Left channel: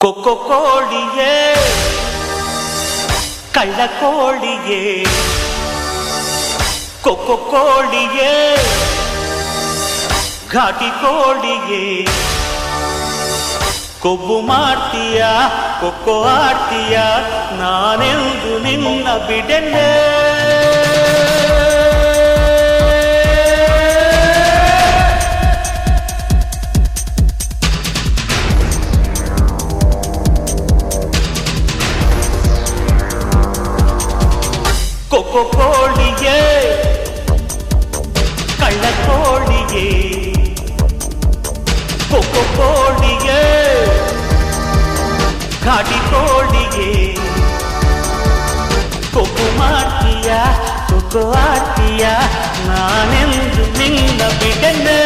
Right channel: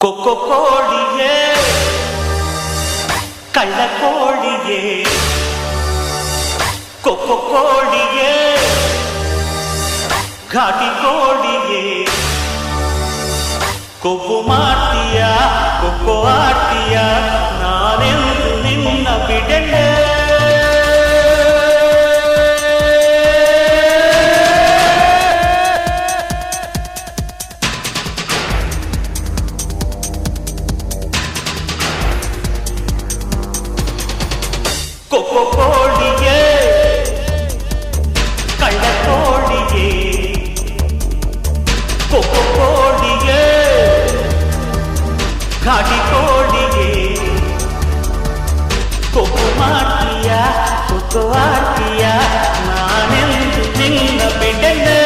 ಕೊಕ್ಕೊ ಕೋಳಿಯೇ ಕಳ್ಳ ಕೋಳಿಯೇ ಕೊಕ್ಕೊ ಕೋಳಿಯೇ ಘಾಟಿ ಕೋಳಿಯೇ ಕೊಬ್ಬು ಮಾಡ್ತೀಯ ಕೊಕ್ಕೊ ಆಡ್ತೀಯ ನಾನೆಂದು ನಿನ್ನ ಬಿಡೆನೆ ಕೊಕ್ಕೊ ಕೋಳಿಯೇ ಕಳ್ಳ ಕೋಳಿಯೇ ಕೊಕ್ಕೊ ಕೋಳಿಯೇ ಘಾಟಿ ಕೋಳಿಯೇ ಕೊಬ್ಬು ಮಾಡ್ತೀಯ ಕೊಕ್ಕೊ ಆಡ್ತೀಯ ನಾನೆಂದು ನಿನ್ನ ಬಿಡೆನೆ